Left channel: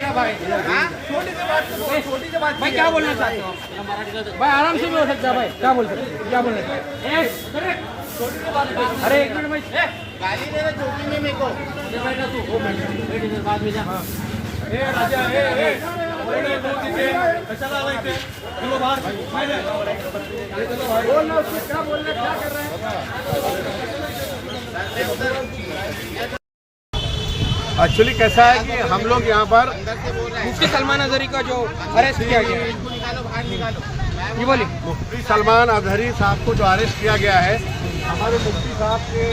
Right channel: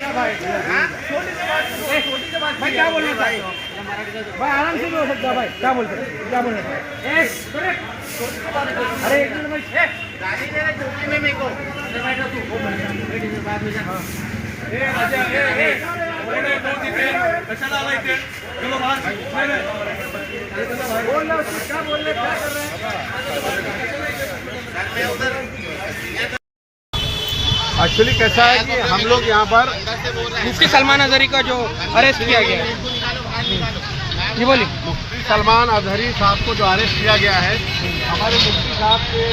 भाई भाई क्या बोलना चाहते हो भाई? आराम से भी हो सकता है भाई, क्या बोल सकते हो, क्या बोलना चाहते हो? अरे एक मिनट भाई, गाली दे रहे चौकी में मेरे को बैठा तू बाद में जा। एक्चुअली कैसा है कि हम लोग यहाँ पर मुफ्ती सलमान अजहरी का जो अरेस्ट किया गया है, ये बोली मुफ्ती सलमान अजहरी साहब को जो अरेस्ट किया गया है, हमारे मुफ्ती साहब के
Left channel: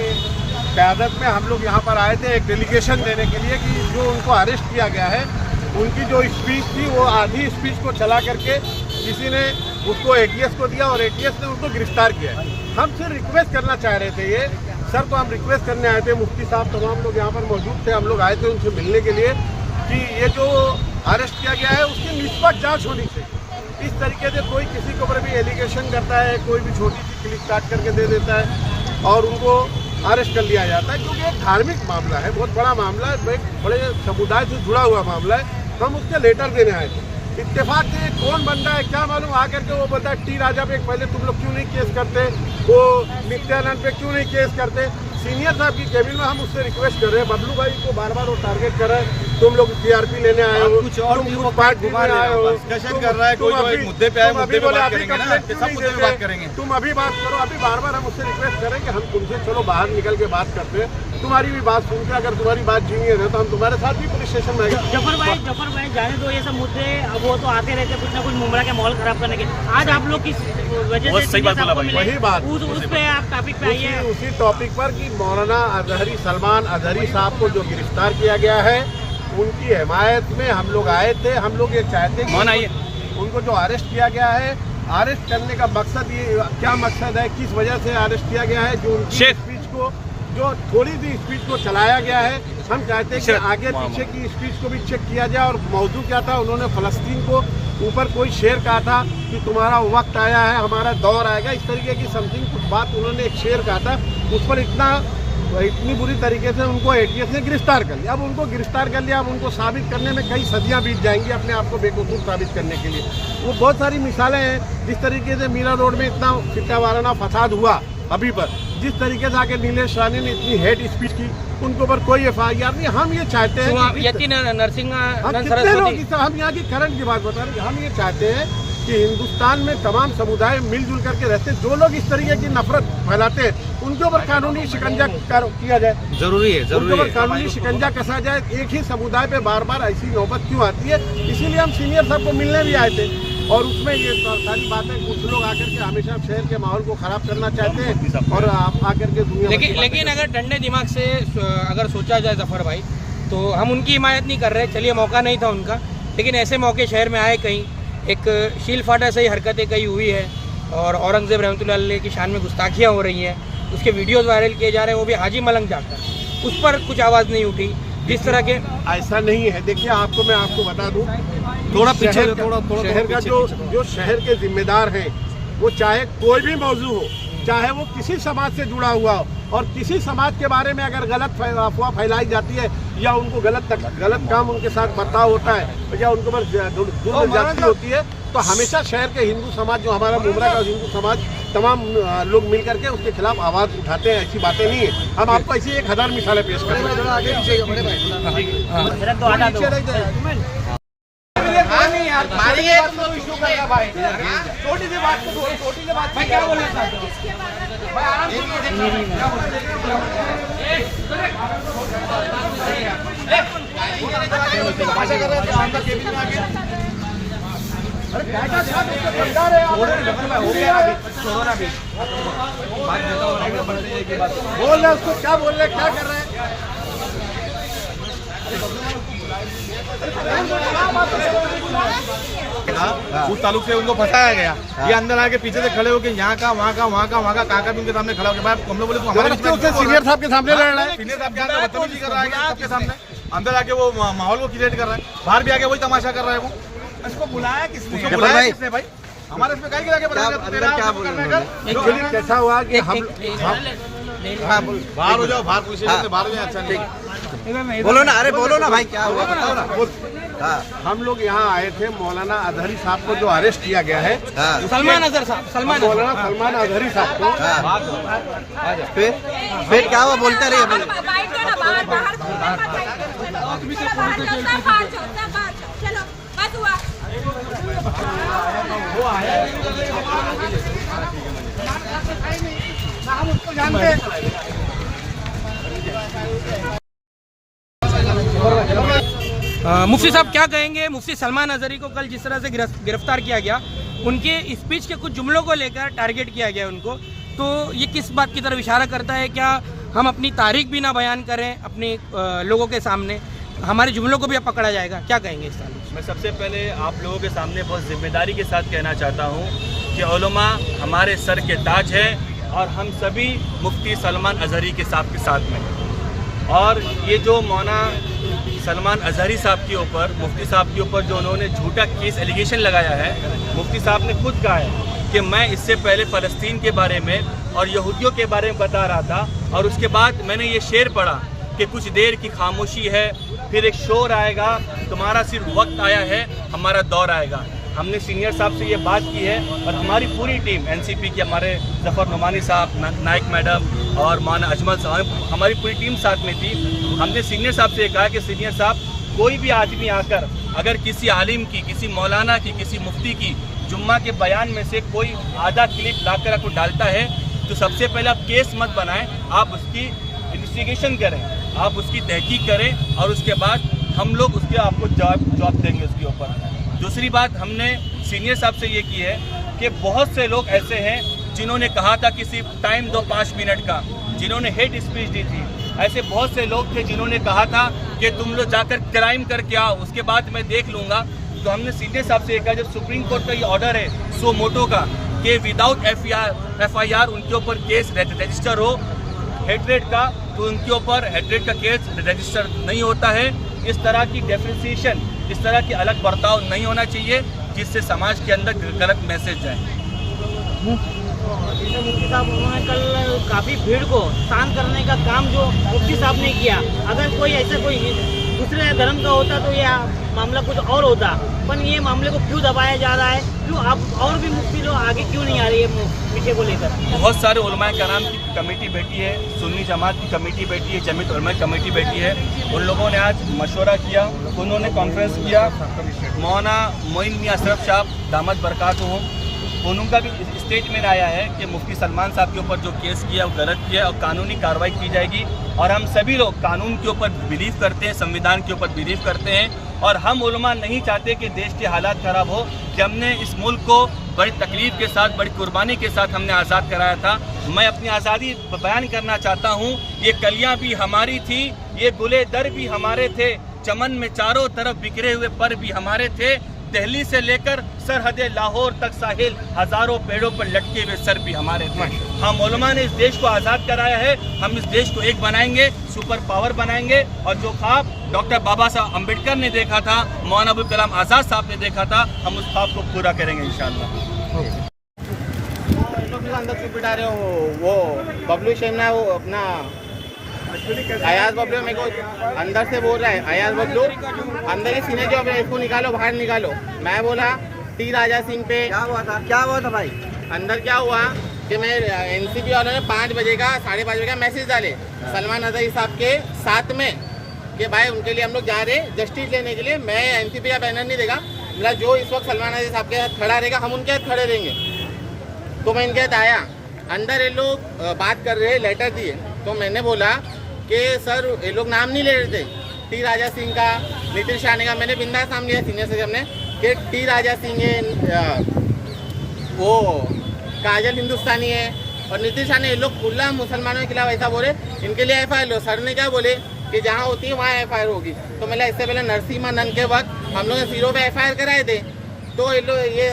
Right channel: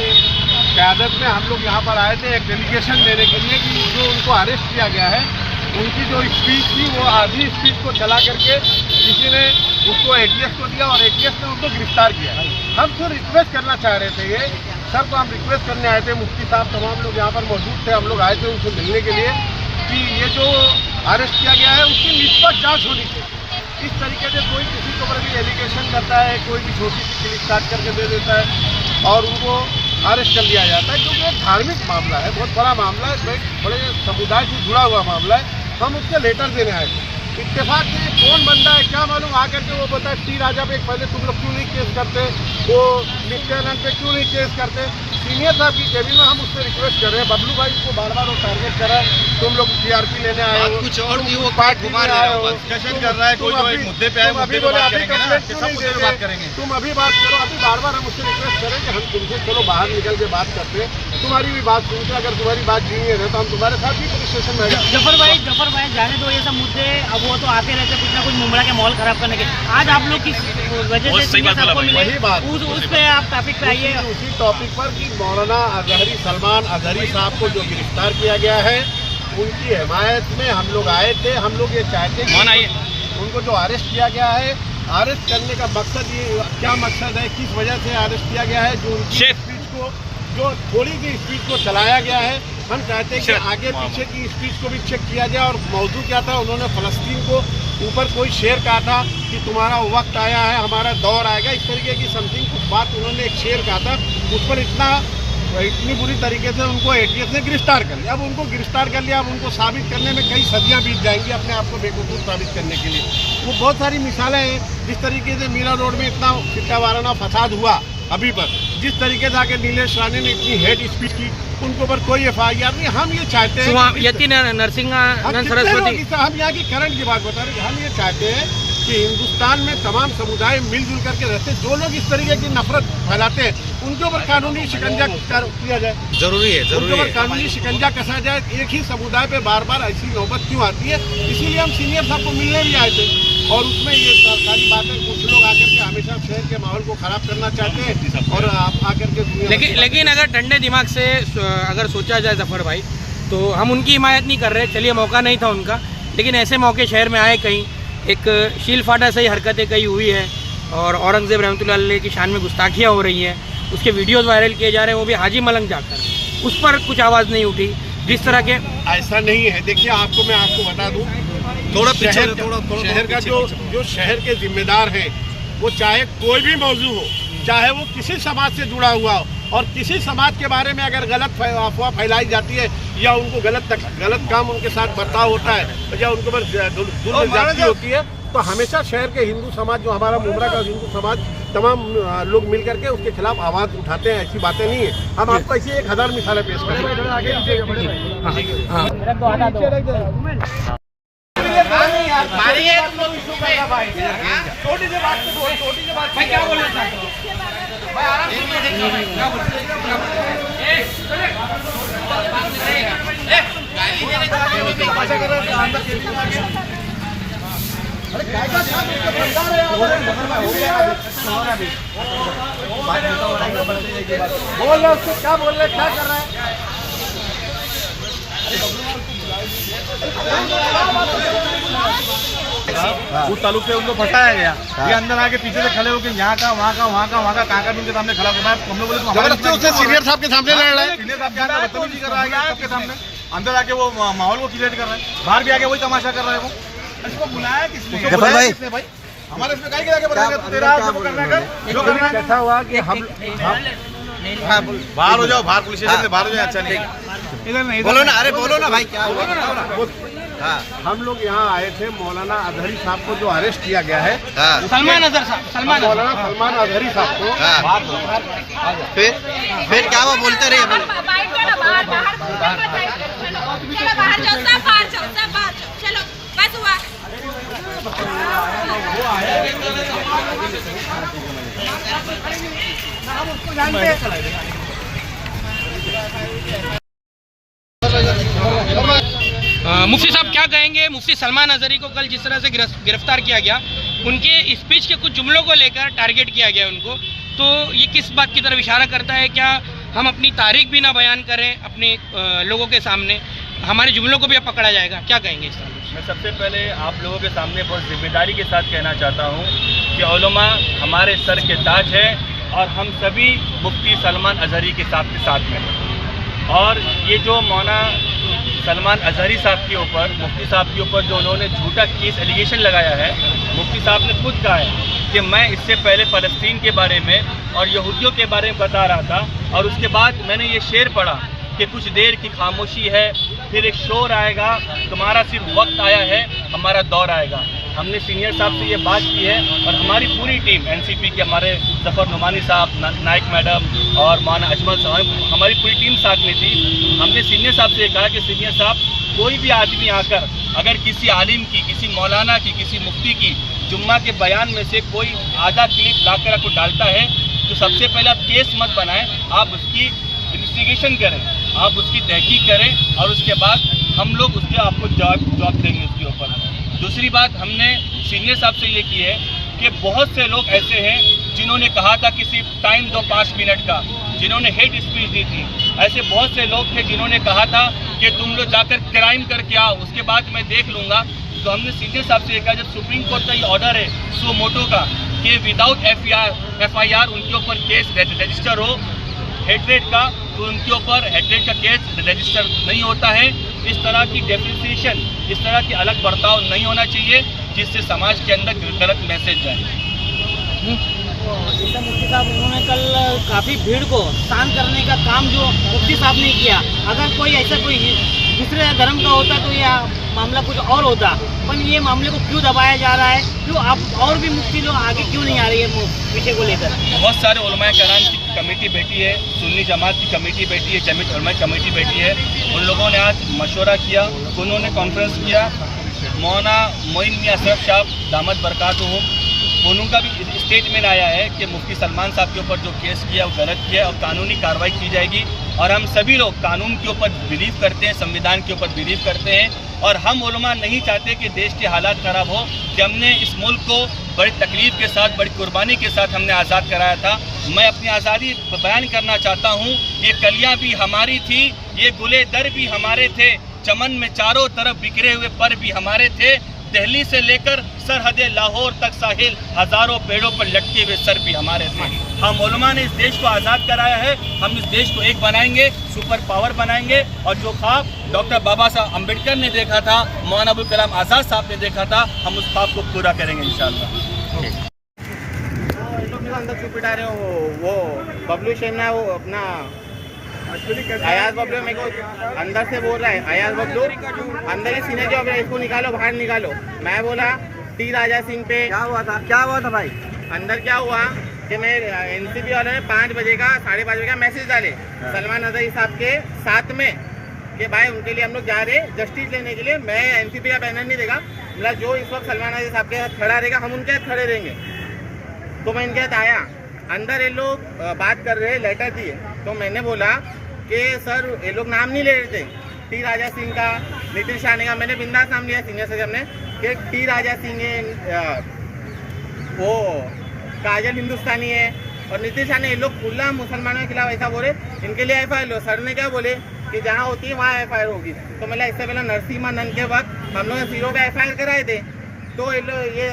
क़यादत में हम लोग यहाँ पर आए थे एक डेलीगेशन देने के लिए कि जो उनको अरेस्ट किया गया है, उनकी जो स्पीच थी वो आधी स्पीच को चला करके किसी ने उसको ATS को दिया और ATS ने उनको गिरफ्तार किया। हम सिर्फ रिक्वेस्ट करना चाह रहे थे ये सर को हम रिक्वेस्ट करने आए थे, मुफ्ती साहब तमाम लोग यहाँ पर मौजूद थे, हम लोग आए थे उनसे मिलने के लिए कि ये जो अरेस्ट किया गया है उसकी निष्पक्ष जांच होनी चाहिए। इस तरीके से कोई किसी के ऊपर भी एलिगेशन करता है, कोई भी छोटी सी क्लिप काट करके दे देता है और उनको अरेस्ट कर लिया जाता है, क्योंकि एक धार्मिक मामला है, बहुत बड़ा मामला है, बड़े समुदाय से जुड़ा हुआ मामला है। हम उसके लेटर देने आए थे। इत्तेफाक के लिए कौन बंदा है क्या मालूम, आकर के वो बता टी राजा पे पहले तुम लोग क्यों नहीं केस करते, वो नित्यानंद पे क्यों नहीं केस करते। सीनियर साहब की केबिन में हम उससे रिक्वेस्ट कर रहे हैं, बबलू भाई को बार बार वो टारगेट कर रहा है, तुम लोग TRP लेने आए हो, कुछ और पार्ट घुमा आए हो, डिस्कशन कर रहा है कोई जो एक मुद्दे पे है, अभी बोले अभी कंप्लेंट क्यों नहीं देते, तुम अभी बात करो। अभी बार बार हम उससे रिक्वेस्ट करें कि हम तुमसे चलो बाहर निकल के बात करते हैं, तुम्हारी भी बात सुनते, अगर तुम्हारी बात छीनिए ना तो हम तुम्हारे साथ भी पुलिस स्टेशन में आएंगे। जफर भाई जाने दो ये सब मुद्दे, अब वो तो आते रहते कुछ ना कुछ मुमरा के माहौल खराब करने के। आज आप लोग किस वजह से वही बात उस पे आप टॉपिक पे आइए, उसी टॉपिक पर कि मौलाना अजहरी सलमान अजहरी साहब को जो गिरफ्तार किया गया है उनकी हिमायत में हम लोग आए थे। हम लोग ये चाहते हैं कि उनको जो अरेस्ट किया गया है, अरेस्ट करने का मकसद ये क्या मकसद है, किस वजह से अरेस्ट किया गया है, जो उनकी स्पीच को जो थोड़ी सी स्पीच को चलाया गया है, हम चाहते हैं कि आगे पीछे की स्पीच को भी चेक किया जाए। और मौजू क्या था, उन्होंने फ़लस्तीन को ऊपर कोई शेर कहा था कि तुम्हारा वक्त आया है, हमारा दौर आएगा, इस तरीके की समथिंग कुछ बात उन्होंने एक शेर कहा था, उस पर इतनी बुरी तरीके से उनको ATS ने गिरफ्तार कर लिया। अब उनको गिरफ्तार कर लिया, अब उनको साबित करने में कई सदियां बीत जाएंगी अपने आप को बेवकूफ़ साबित करने के लिए। वो बहुत सारी मिसालें हैं, जिस तरीके से मीरा रोड में इतना फिक्का वाराना फसाद हुआ अभी पर, जिस तरीके से आके नीलेश रानी ने इतनी हेट स्पीच की, उनके ऊपर कोई FIR नहीं। हम ये चाहते हैं हम यहाँ की करंट की बात बता रहे हैं, हम ये चाहते हैं कि हिंदुस्तान में तमाम समुदाय मिलजुल करके रहते, जो लोग इस तरीके की नफरत फैलाते हैं उनके ऊपर कानूनी शिकंजा किया जाए, जरूरी है, उनके ऊपर कानूनी शिकंजा कसा जाए। एक ही समुदाय पे बार बार ऐसी नौबत क्यों आती है, इसीलिए हम सीनियर साहब को मिलने भी आए थे और उसमें ये सारी बातें कुछ लोग आकर के हमेशा शहर के माहौल को खराब करना चाहते हैं और आप आकर के दुनिया लेकिन अगर ठंडे दिमाग से अगर सोचा जाए जफर भाई, तो हम उनकी हिमायत नहीं कर रहे, चलिए मौका नहीं था उनका, लेकिन ऐसे मौके शहर में आए, कहीं एक शील फाटा से ही हरकतें कई हुई है और औरंगजेब रहमतुल्लाह अलैह की शान में गुस्ताखियाँ हो रही हैं, उसके वीडियोस वायरल किए जा रहे हैं, वो भी हाजी मलंग जाकर, उस पर कुछ आवाज़ नहीं उठी। जिस तरह के ऐसा नहीं है, देखिए मैं आपको बता दूं, थोड़ा शहर का जो शहर के जिम्मेदार हैं, वो चाहे कोई भी मौजू हो, चाहे वो किसी समाज से जुड़ा हुआ हो, और किसी समाज के बारे में अगर गलत अफवाह फैलाई जाती है या उनको गलत काम उनके साथ बर्ताव होता है या उनके ऊपर जुल्म ज्यादती होती है, तो हमेशा शहर के हिंदू समाज, जो हमारा मुमरा का हिंदू समाज, तमाम लोग मिल करके उसके खिलाफ आवाज़ उठाते हैं। ऐसी बातें नहीं है, हम आपको ऐसी 1000 मिसालें पेश करें। छोटी सी बात क्या बोलना चाहते हो? बोल रहे उसको क्या बोल रहे, क्या कर रहा है? उस तालुक से उनको फंसाया गया, ये अंदर आके पीछे से खड़े होकर यहाँ का वहाँ का काका उनके सामने खड़ा होकर हम लोग बोले सीनियर साहब के सामने लड़ रहा है, सीनियर साहब के सामने बदतमीजी कर रहा है सबके सामने, अंदर आके वो माहौल को क्रिएट कर रहा है, बाहर भी आके वही तमाशा कर रहा है। वो उसको बुलाया किसने भाई? हमारे इसमें क्या कैसा हुआ कि हम बाहर हो जाओ, बाहर पुलिस स्टेशन से बाहर हो जाए, अच्छा नहीं बोलो ना, अरे बोलो ना भाई, क्या हुआ बताओ ना। हम लोग यहाँ आए थे मौलाना अजहरी साहब को जो अरेस्ट किया गया है, सलमान अजहर साहब, सलमान मौलाना सलमान अजहरी साहब को। फिर क्या हुआ, बोलते रहिए। चलो बस हुआ। मुफ्ती साहब क्या कहेंगे, मुफ्ती सलमान अजहरी को कल जिस तरह से गिरफ्तार किया गया, उनके स्पीच के कुछ जुमलों को लेकर टारगेट किया गया उनको, तो ये किस बात की तरफ इशारा करता है? क्या हम अपनी तारीख भी ना बयान करें अपने लोगों के सामने, हमारे जुमलों को भी अब पकड़ा जाएगा? क्या कहेंगे इस ताल्लुक से? मैं सबसे पहले आप लोगों के सामने बहुत जिम्मेदारी के साथ कहना चाहता हूँ कि उलमा हमारे सर के ताज है और हम सभी मुफ्ती सलमान अजहरी के साथ में हैं। और ये जो मौलाना सलमान अजहरी साहब के ऊपर, मुफ्ती साहब के ऊपर जो उन्होंने झूठा केस एलिगेशन लगाया है, मुफ्ती साहब ने खुद कहा है कि मैं इससे पहले फ़लस्तीन के बारे में और यहूदियों के बारे में बता रहा था, और उसके बाद मैंने ये शेर पढ़ा कि कुछ देर की खामोशी है, फिर एक शोर आएगा, तुम्हारा सिर्फ वक्त आया है, हमारा दौर आएगा। हमने सीनियर साहब से ये बात की है और हमारी पूरी टीम एनसीपी के, हमारे जफ़र नुमानी साहब, नाइक मैडम और मौलाना अजमल साहब, हमारी पूरी टीम साथ में थी। हमने सीनियर साहब से कहा कि सीनियर साहब, कोई भी आदमी आकर अगर किसी आलिम की, किसी मौलाना की, किसी मुफ्ती की जुम्मा के बयान में से कोई आधा क्लिप लाकर आपको डालता है, तो सबसे पहले आप केस मत बनाएं, आप उसकी इन्वेस्टिगेशन करें, आप उसकी तहकीक करें और उसके बाद हम लोग उसके आपको जवाब देंगे उसके ऊपर। दूसरी बात हमने सीनियर साहब से ये की है कि बहुत से लोग ऐसे हैं जिन्होंने कहा था कि सिर्फ टाइम दो 5 मिनट का, जिन्होंने हेट स्पीच दी थी। ऐसे बहुत से लोग थे जिन्होंने कहा था कि तुम लोग जाकर क्राइम करके आओ, उसके बाद मैं देख लूँगा। तो हमने सीनियर साहब से कहा, जब सुप्रीम कोर्ट का ये ऑर्डर है सो मोटो का कि विदाउट FIR उनके ऊपर केस रजिस्टर हो हेट्रेड का, तो उनके ऊपर हेट्रेड का केस रजिस्टर नहीं होता है। इस तरह की डेफिनेशन, इस तरह की अलग बर्ताव नहीं होना चाहिए जिससे समाज के अंदर गलत मैसेज जाए। मुफ्ती साहब, उन्होंने कल काफ़ी भीड़ को शांत करने का काम जो मुफ्ती साहब ने किया, अगर कोई ऐसा कोई दूसरे धर्म का होता तो यह मामला कुछ और होता, पर ये मामले को क्यों दबाया जा रहा है? क्यों आप और भी मुफ्ती लोग आगे क्यों नहीं आ रही है विषय को लेकर? बहुत सारे उलमाए कराम की कमेटी बैठी है, सुन्नी जमात की कमेटी बैठी है, जमीयत उलमा की कमेटी बैठी है। उन लोगों ने आज मशवरा किया, उन्होंने कॉन्फ्रेंस किया। मौलाना मोइन मियां अशरफ साहब दामद बरकातुहुम, उनका भी स्टेटमेंट आया है कि मुफ्ती सलमान साहब के ऊपर जो केस किया वो गलत किया और कानूनी कार्रवाई की जाएगी। और हम सभी लोग कानून के ऊपर बिलीव करते हैं, संविधान के ऊपर बिलीव करते हैं, और हम उलमा नहीं चाहते कि देश के हालात ख़राब हो। कि हमने इस मुल्क को बड़ी तकलीफ़ के साथ, बड़ी कुर्बानी के साथ हमने आज़ाद कराया था। मैं अपनी आज़ादी बयान करना चाहता हूँ, ये कलियाँ भी हमारी थी, ये गुले दर भी हमारे थे, चमन में चारों तरफ बिखरे हुए पर भी हमारे थे, दिल्ली से लेकर सरहद लाहौर तक साहिल, हज़ारों पेड़ों पर लटके हुए सर भी हमारे थे। हम उलमा ने इस देश को आज़ाद कराया है, हम इस देश को एक बनाएंगे, सुपर पावर बनाएंगे, और जो ख्वाब डॉक्टर बाबा साहब अम्बेडकर ने देखा था, मौलाना अबुल कलाम आज़ाद साहब ने देखा था, हम उस ख्वाब को पूरा करेंगे इंशाअल्लाह। अंदर क्यों पिटा रहे हो? वो बबलू शेम है, वो अपना अयाज बबलू मेरे को अंदर से बोल रहा है, अयाज बबलू अंदर ही सीने जो इसको निकालो, बाहर निकालो। मैं बोला टी राजा सिंह पे क्या हुआ था भाई? अंदर क्या हुआ कि मैं एनसीपी वालों ने 5 बजे का 5:30 बजे का मैसेज डाले सलमान अजहरी साहब के साथ में कि भाई उनके लिए हम लोग जा रहे जस्टिस लेने के लिए। मैं एनसीपी का बैनर नहीं देगा, मतलब जो इस वक्त सलमान अजहरी साहब के साथ खड़ा रहेगा हम उनके साथ खड़े रहेंगे। तो मैं इनके साथ आया, अंदर ये लोग बात कर रहे, लेटर दिए। तो मैंने बोला कि सर ये लोग नाम नहीं ले रहे थे, टी राजा सिंह का, नितिन शाह का। मैंने बिंदास नाम लिया सीनियर से हमने कि टी राजा सिंह है, वो काजल हिंदुस्तानी है, और नितिन शाह ने ये लोग खुला मुसलमानों के खिलाफ ऐसा बोले, इनके लिए FIR लो। सर ने क्या बोले कि जहाँ होती है वहाँ FIR होगी। तो मैंने इससे पहले नरसिम्हा नंद के वक्त हम लोग ने सिरों पे FIR कराए थे। तो ये लोग ये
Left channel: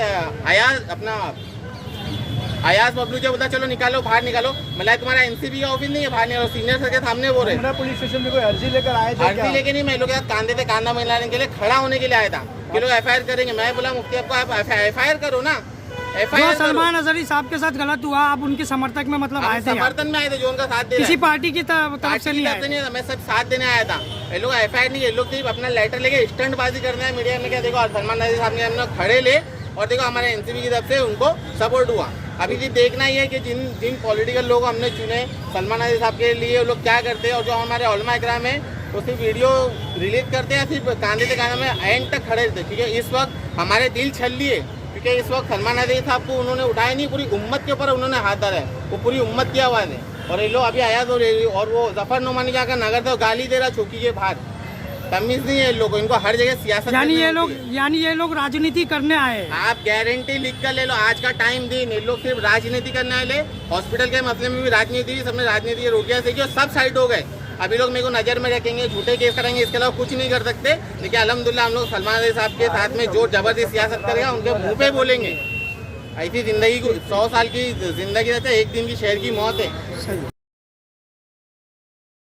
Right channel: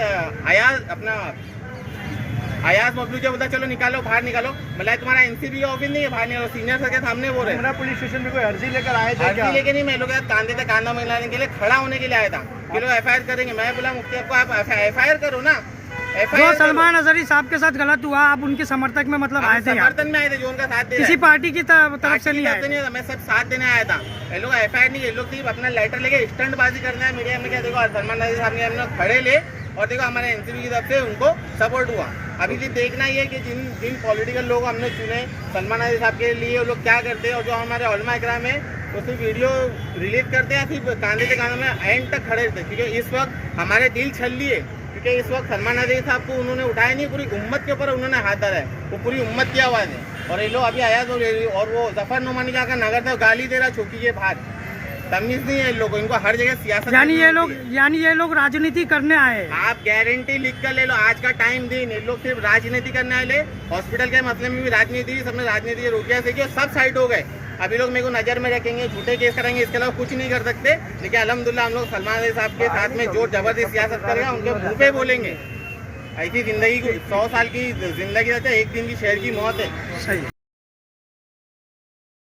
अयाज बबलू जो बोला चलो निकालो, बाहर निकालो। मतलब तुम्हारा एनसीबी का ऑफिस नहीं है, बाहर निकालो। सीनियर सर के सामने बोल रहे पुलिस स्टेशन में कोई अर्जी लेकर आए थे? अर्जी लेके नहीं, मैं लोग कांधे पे कांधा मिलाने के लिए खड़ा होने के लिए आया था कि लोग FIR करेंगे। मैं बोला मुफ्ती आपको आप FIR करो ना, FIR जो सलमान अजहरी साहब के साथ गलत हुआ, आप उनके समर्थक में मतलब आए थे यहाँ? समर्थन में आए थे, जो उनका साथ दे किसी पार्टी की तरफ से नहीं आए? मैं सब साथ देने आया था। ये लोग FIR नहीं, ये लोग सिर्फ अपना लेटर लेके स्टंटबाजी करना है मीडिया में। क्या देखो सलमान नजरी साहब ने हम लोग खड़े ले और देखो हमारे एनसीपी की तरफ से उनको सपोर्ट हुआ। अभी भी देखना ही है कि जिन पॉलिटिकल लोग हमने चुने सलमान नजरी साहब के लिए, वो लोग क्या करते हैं। और जो हमारे उलमा इकराम है वो सिर्फ वीडियो रिलीज करते हैं, सिर्फ कांधे से कांधे में एंड तक खड़े थे, क्योंकि इस वक्त हमारे दिल छल लिए। क्योंकि इस वक्त सलमान नजरी साहब को उन्होंने उठाया नहीं, पूरी उम्मत के ऊपर उन्होंने हाथ धरा है, वो पूरी उम्मत की आवाज़ है। और ये लोग अभी आया और वो जफर नुमानी जाकर नगर से गाली दे रहा चौकी के बाहर। तमीज नहीं है इन लोगों, इनको हर जगह सियासत। यानी ये लोग राजनीति करने आए हैं। आप गारंटी लिख कर ले लो, आज का टाइम दिन ये लोग सिर्फ राजनीति करने वाले। हॉस्पिटल के मसले में भी राजनीति, सबने राजनीति के रोकिया से सब साइड हो गए। अभी लोग मेरे को नजर में रखेंगे, झूठे केस करेंगे, इसके अलावा कुछ नहीं कर सकते। लेकिन अल्हम्दुलिल्लाह हम लोग सलमान नजरी साहब के साथ में जो जबरदस्त सियासत करेगा उनके मुंह पे बोलेंगे। ऐसी जिंदगी को 100 साल की जिंदगी रहती है, एक दिन की शहर की मौत है। सही।